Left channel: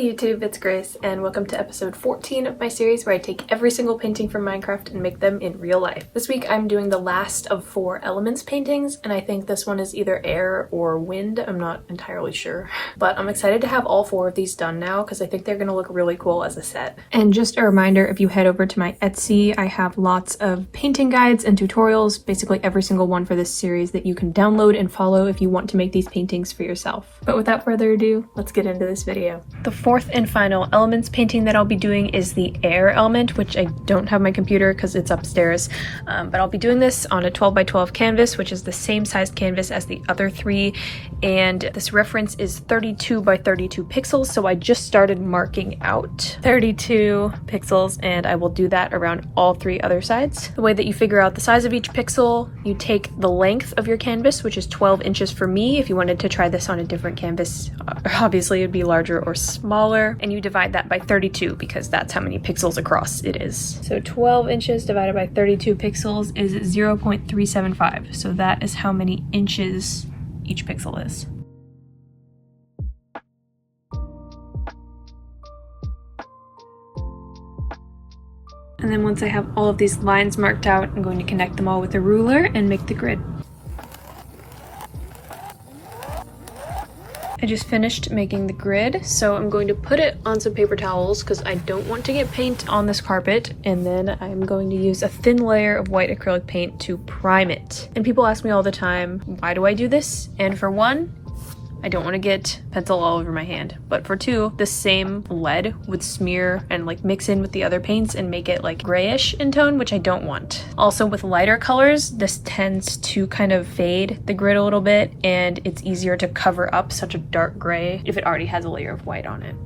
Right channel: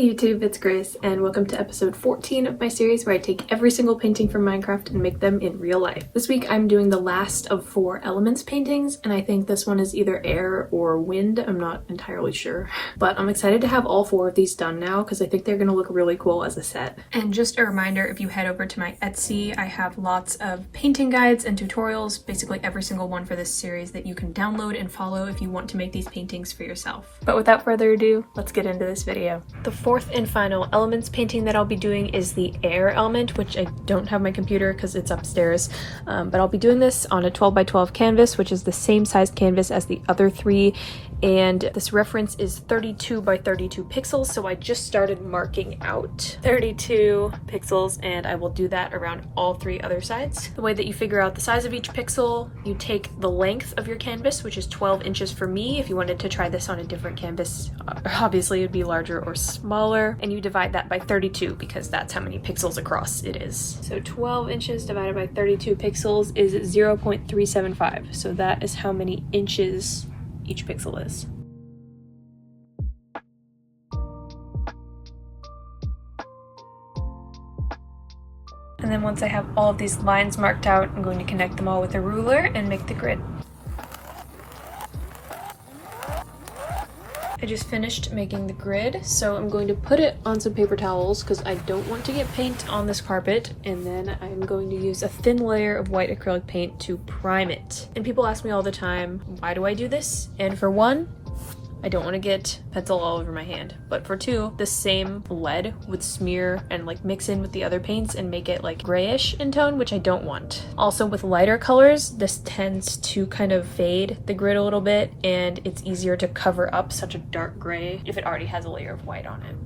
Hey YouTube, it's Grace, and welcome to episode 14 of my series where I take every single painting from Minecraft and make them in real life. This week I'm doing the last of 4 elements paintings, and I think this one is either air or wind. I'm not entirely sure. But I'm excited to have all 4 of these done now because I think they're going to look really cool as a set. And just a reminder, if you head over to my Etsy, I have lots of painting guides and tutorials, basically every single one for this series that you can download and follow if you want to make these paintings for yourself. But without further ado, let's get into this video. The fourth and final elements painting that I'll be doing is the air element, which I don't have my computer because it's upstairs, but I'll be doing this on a 12 by 12 canvas, which is the same size canvas as the other 3, and this reference is 32 by 32 pixels, so I just started marking out 32 pixels, and I will do that around all 3 other sides. The way that you figure out the size of each pixel, you take the length of your canvas, which is 12 inches for me. If you wanted to try this on a different canvas, obviously it'd be larger or smaller, and you divide that by 32 because that's how many pixels across it is. So 12 inches divided by 32 pixels is 0.375. So that is how many inches each pixel is. And then once I have all of these lines marked out, I'm going to connect them all with a ruler and make the grid. I just finished making the grid, so I'm going to put it on some paper towels because I don't want to get paint on this carpet, and then I'm going to use a thin layer of white acrylic paint to prime it. And people ask me all the time, why do I do this? And for one, I don't want to get pencil all over my hand. But for 2, the same lead would smear and like mix in with the other paints and make it like grayish in tone, which I don't want. Also with lighter colors, this tends to kind of fade the grid a little bit, and it's easier to cover up such a dark gray if it already has a layer of white on it.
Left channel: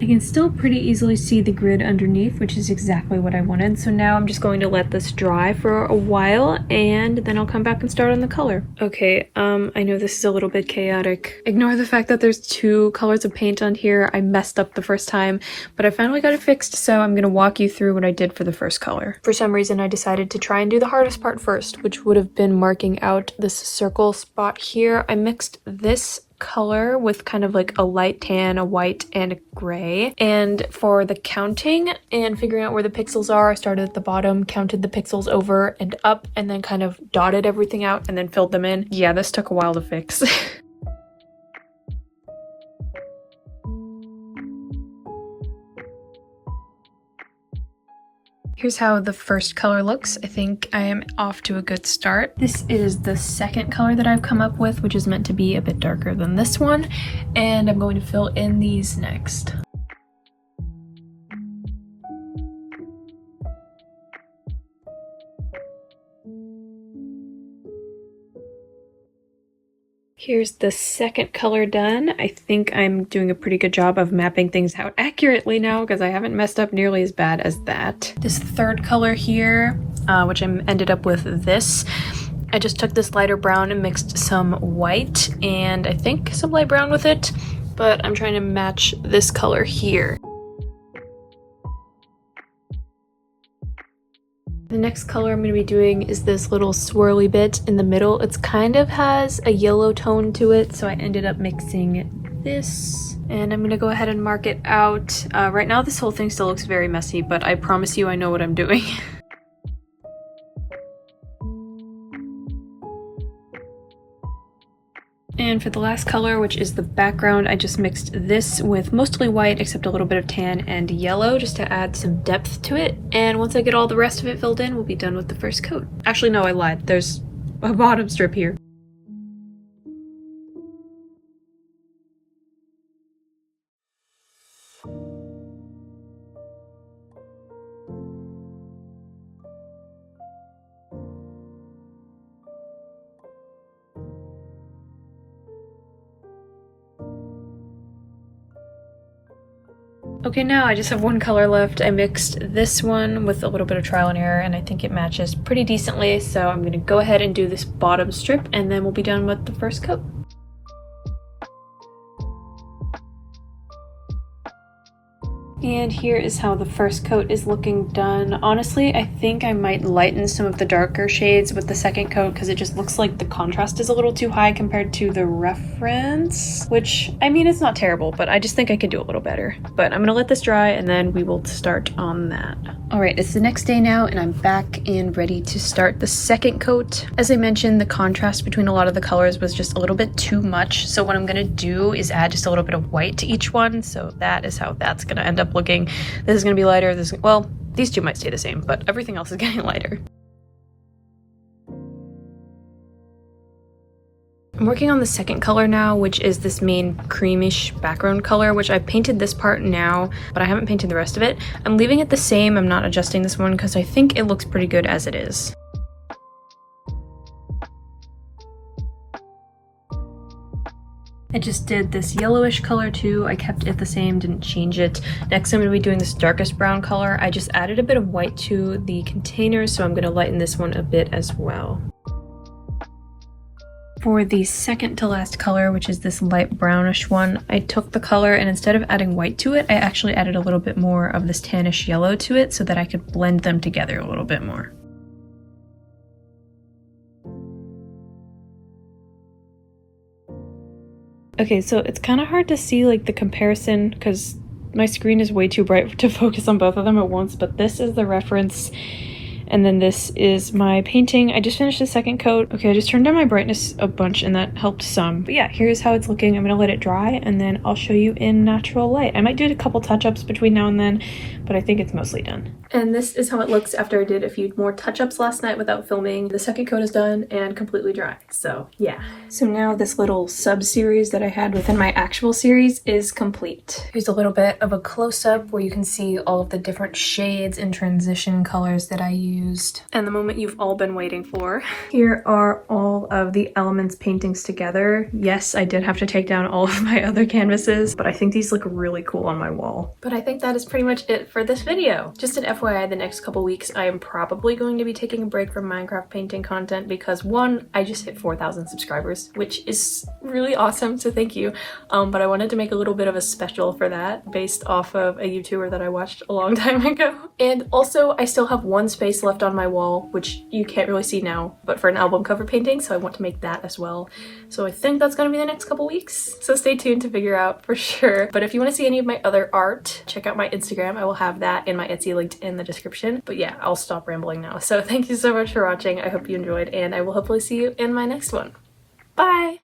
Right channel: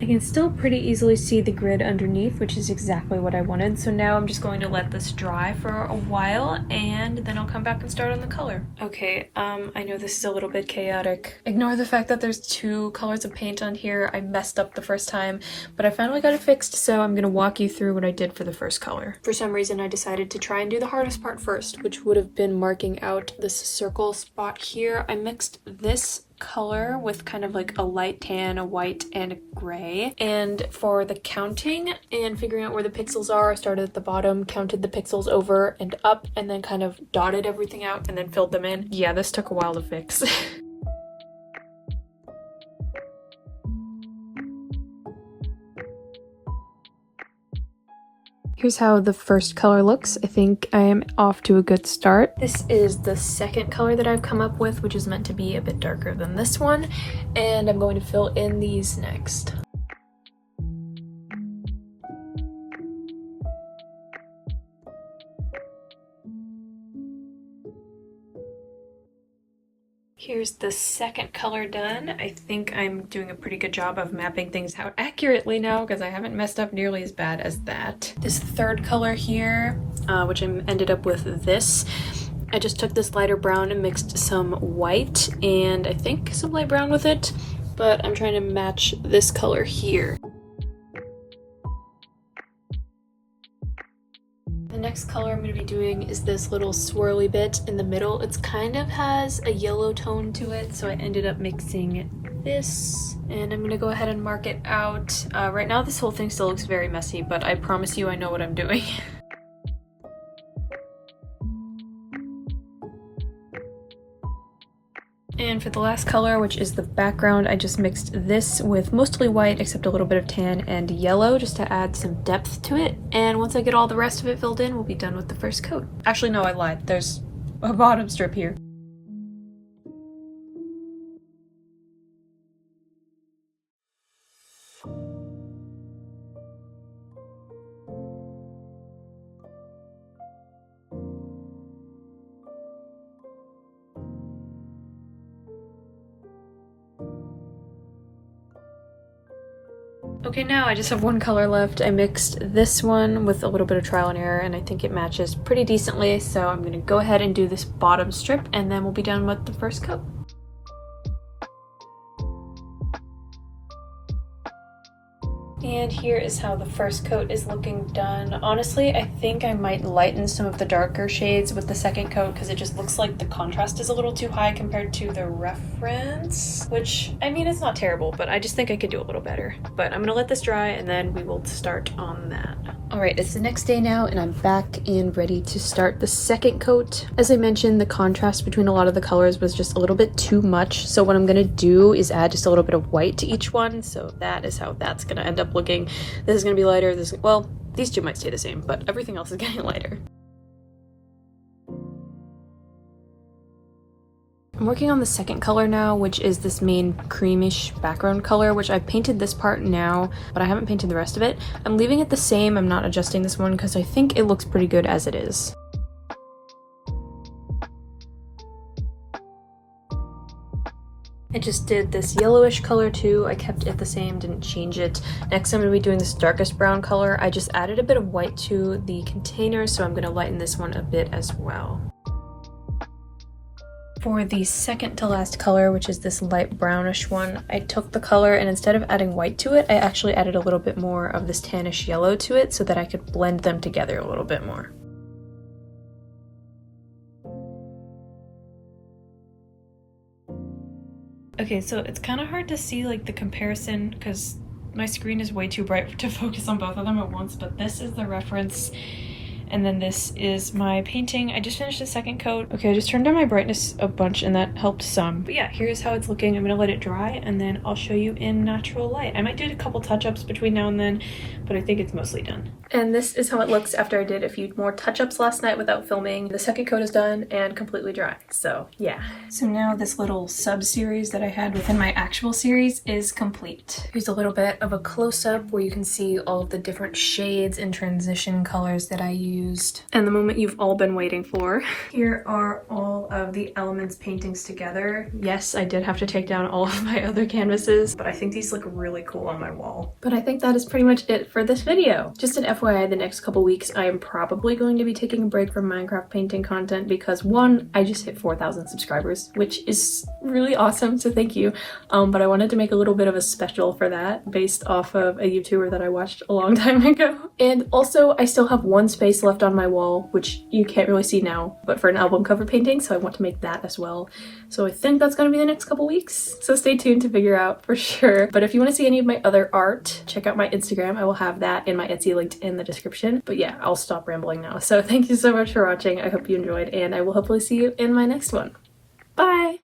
I can still pretty easily see the grid underneath, which is exactly what I wanted. So now I'm just going to let this dry for a while, and then I'll come back and start on the color. Okay, I know this is a little bit chaotic. Ignore the fact that there's 2 colors of paint on here. I messed up the first time, but I finally got it fixed, so I'm gonna walk you through what I did for the first color. For some reason, I decided to try and do the hardest part first, which would have been marking out this circle spot here. I mixed this color with kind of like a light tan, a white, and a gray. And for the counting and figuring out where the pixels are, I started at the bottom, counted the pixels over and up, and then kind of dotted everything out and then filled them in. Yeah, this took a while to fix. Here's how the first color looks. I think I am off to a good start. This is the second color that I've come up with, which is meant to be a bit darker than this one, and I'm going to fill in these next. Here's the second color done. I think I'm doing a pretty good job of mapping things out accurately now because I haven't messed up nearly as bad as that. This third color here, which I ended up with this, I just took this lighter brown and mixed some white and I think some light brown with it, but I'm trying to match this color here. The next color I'm going to be doing is this little swirly bit in the middle. It's kind of has a yellow tone to it, so I ended up mixing this. And I'm going to go ahead and mark it out. Right now this whole thing still looks very messy, but I promise you I know what I'm doing. And for the last color, which is the background, I just mixed this with mostly white except a little bit of tan and yellow just to add some depth to it. And once I get all the rest of it filled in, we'll be done with the first coat. Actually, no, I lied. There's a bottom strip here. Okay, now I just have one color left. I mixed this one with a little bit of trial and error, and I think it matches pretty decently, so I'm gonna go ahead and do this bottom strip, and then we'll be done with the first coat. And here is how the first coat is looking done. Honestly, I think I might lighten some of the darker shades with the second coat because it just looks like the contrast is a little too high compared to the reference, which, I mean, it's not terrible, but I just think I could do a little better. But I'm gonna let this dry and then we will start on that. All right, it's the next day now and I'm back and ready to start the second coat. As I mentioned, the contrast between a lot of the colors was just a little bit too much. So what I'm gonna do is add just a little bit of white to each one. So that is how that's gonna end up looking. This is gonna be lighter. Well, these two might stay the same, but everything else is getting lighter. I'm working on the second color now, which is this main creamish background color, which I painted this part now, but I haven't painted the rest of it. I'm leaving it the same. I'm not adjusting this one because I think it looks pretty good as it is. I just did this yellowish color too. I kept it the same, didn't change it. Next I'm going to be doing this darkest brown color. I just added a bit of white to the container, so I'm going to lighten this one a bit as well. For the second to last color, which is this light brownish one, I took the color and instead of adding white to it, I actually added a little bit more of this tannish yellow to it so that I could blend them together a little bit more. Okay, so it's kind of hard to see like the comparison because my screen is way too bright to focus on both of them at once, but this is the reference and then this is my painting. I just finished the second coat. Okay, I just turned down my brightness a bunch and that helped some. But yeah, here's how it's looking. I'm gonna let it dry and then I'll show you in natural light. I might do a couple touch-ups between now and then, but I think it's mostly done. And this is how it looks after I did a few more touch-ups last night without filming. The second coat is done and completely dry, so yeah. So now this little sub-series that I had within my actual series is complete. Here's a little bit of a close-up where you can see all of the different shades and transition colors that I used. And the moment you've all been waiting for. Here are all of the elements paintings together. Yes, I did have to take down all of my other canvases, but I think these look really cool on my wall. But I think that is pretty much it for this video. Just an FYI, the next couple weeks I am probably going to be taking a break from Minecraft painting content because one, I just hit 4,000 subscribers, which is really awesome, so thank you. But I wanted to make a little bit of a special for that based off of a YouTuber that I watched a long time ago. And also I still have one space left on my wall, which you can't really see now, but for an album cover painting, so I want to make that as well. So I think that's going to be the next couple weeks, so stay tuned to figure out for sure. But if you want to see any of my other art, check out my Instagram. I will have that and my Etsy linked in the description. But yeah, I'll stop rambling now. So thank you so much for watching. I hope you enjoyed and I will hopefully see you in my next one. Bye!